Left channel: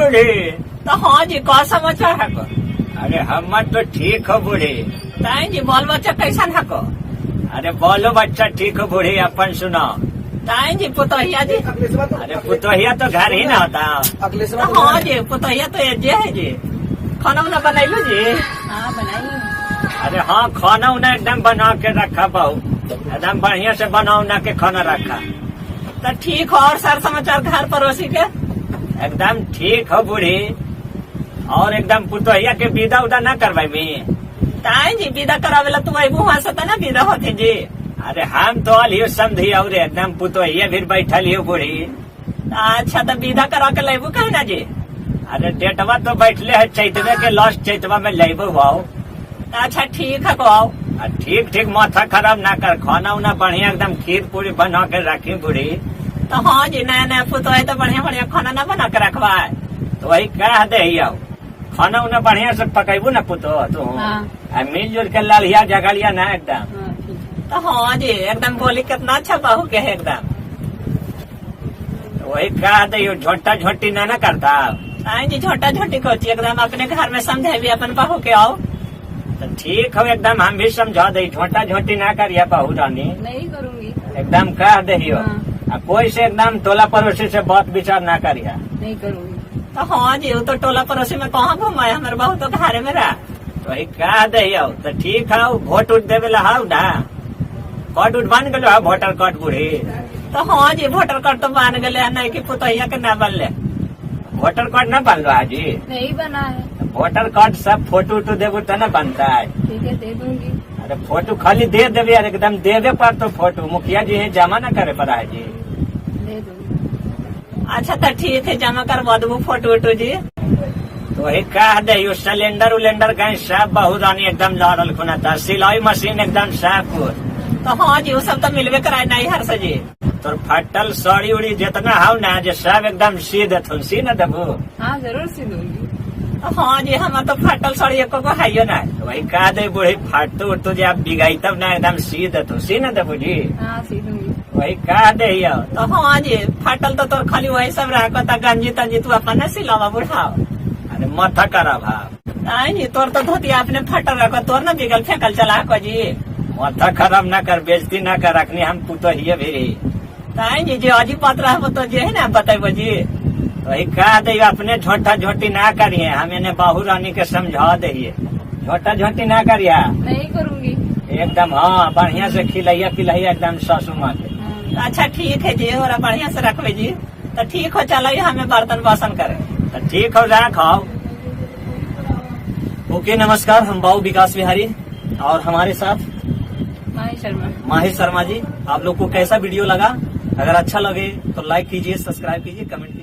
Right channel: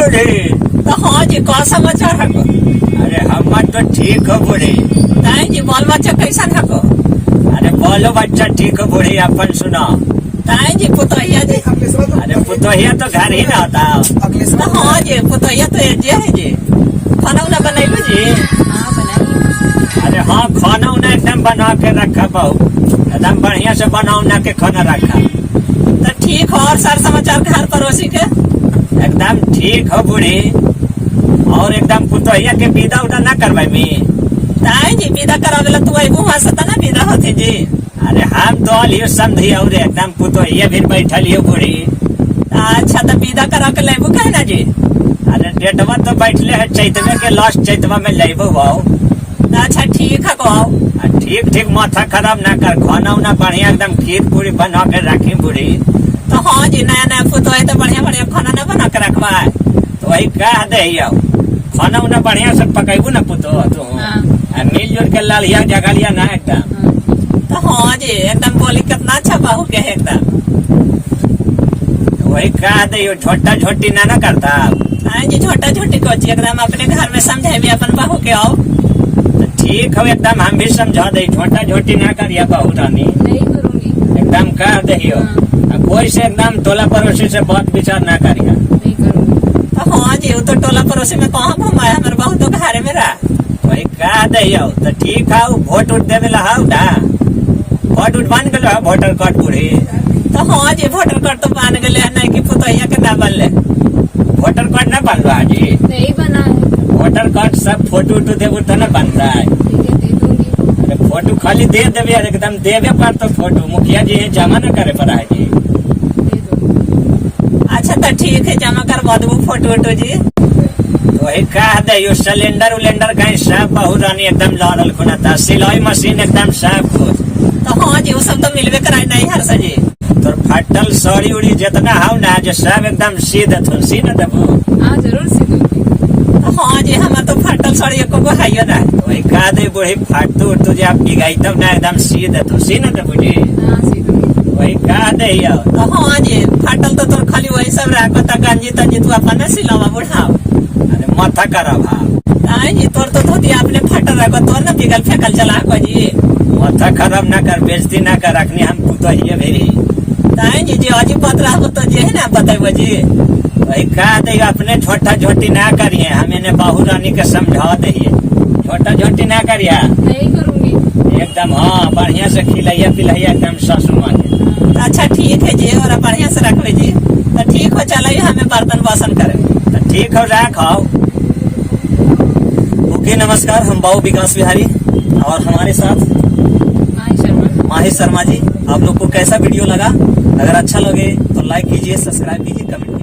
बूढ़ी। तो हाँ जी का समाचार है को? अरे हम तो ठीक हो बूढ़ी। ताई जी बाल बच्चा कैसन है को? अरे बोलो बच्चा ठीक हो बूढ़ी, अपन सुनो। ताई जी पुतोहिया जी? अरे पुतोहिया तो घर ही ना होता। तो हाँ जी पुतोहिया तो एजे है जी। खाना उना बनैलो जी? हाँ बनाई। अरे हाँ खाना उना एकदम बना के रखा बहू, एकदम बढ़िया से बना उना के खाना रखा। तो ठीक हो। और सर समाचार घर पड़ोसी के? एकदम ठीक हो बूढ़ी। और एकदम पुतोहिया के विदा उदा ना करवाई में। ताई जी विदा करावेला तू अबू वहां से ना विदा होते जी। अरे हम तो लियो समझी और एकदम पुतोहिया भी बैठल हियो बूढ़ी। अच्छा तो विदा करा के लेबू कहे ना जी? अरे डेटवा तो बैठले है चैतवे के लास्ट चैतवा में लेबो आओ। अच्छा ठीक है को आओ। ठीक ठीक माथा खराब ना कर, खाना उना बढ़िया एकदम खीर पूरी बना के रखी बूढ़ी। तो हाँ जी नया नया पुतो है तो बढ़िया बढ़िया खाना ना बना के रखवा है। तो वही कह दे खाना उना बढ़िया से पकेबू ना पुतो तू। हाँ। मिलजुल के लालिया जगलिया ना एकदम। तो हाँ जी एकदम बोली कितना अच्छा बहू के है एकदम। तो वही कह दे छोटा छोटी ना करता। हाँ जी छोटा छोटी कोची एकदम अपने घर में समझे भी अपन बहू के आओ। तो ठीक हो एकदम हम भी समझा दे, छोटा छोटी ना करिया बहू रानी। नहीं करूँगी। एकदम कह दे कोई से एकदम टोला पड़ोसी से बात विचार ना करिया। नहीं करूँगी। तो हाँ जी वो तो टोला पड़ोसी में कहाँ घुमाए, हमारे बहू तो घर में रहा। वही कह दे तो ठीक है वोट उठ देवे ला ना। कार्ड उठ बन गए वोटर कार्ड बूढ़ी। तो हाँ जी वोटर कार्ड तो बन गए नहीं कि पुतैया के ना बनले। वोटर कार्ड ना बन रहा जी? नहीं बना है। वोटर कार्ड सब फोटो उटो देवो तो ना बन रहा है। ठीक है दे दूंगी। अरे फोटो खाली दे देवे यार, एकदम देवे पर तो फोटो मुखिया जी जमा ना करे पड़ा है जी। दे दूंगी। अच्छा तो ठीक है जमा करवा दूँ फोटो वोटो जी। तो वही कह दे सिलेंडर उलेंडर कहीं सब बहू रानी एकदम लाल खुना था, सिलाई मशीन एकदम सब कुछ। तो हाँ जी वो सब तो मिलवे कराए नहीं हर से जी। तो फटल साड़ी उड़ी जितना हो ना जो सब एकदम सी देथुन, सी न देबू? हाँ जरूर सी दूंगी। तो हाँ जी हमारे तो फटल साड़ी एको को है ना। तो वही कह दे बूढ़ी फाटतू उठतू जो आप बिगाई तब ना एकदम सी देथु, सी न देबू जी? हाँ सी दूंगी। वही कह दे तो हाँ जी फटल तो तोर खाली वही सब रहा गंजी तंजी तू अपन सिलावा बुढ़ाओ। अरे माथा करा भाव। हाँ जी तोर तो धोती आपने फटल रखो तोर ना बिगल फेंकल चला को जी। माथा खराब ना कर, बेइज्जती ना कर, रखनी हम पुतोहिया भी। जी जी अजी बात रहा तो जे है ना बताइए जी। वही कह दे अपने छोटा छोटी ना करिए, हम इन्हें बहू रानी के समझा दे छोटा छोटी ना करिए। नहीं करूँगी। एकदम हाँ बढ़िया से खिलाइया पिलाइया एकदम सासू माँ के। अच्छा ठीक है जी और बढ़िया से रखवे जी। तो ठीक हो चलो हमें बर्तन बासन करे। तो ठीक हो रख आओ। ओके नमस्कार, हम बाबू विकास बिहारी और हमारे साथ माही शर्मा जी। आप लोग को कैसा वीडियो लगा? अगर अच्छा लगे तो लाइक कीजिए, सब्सक्राइब कीजिए, कमेंट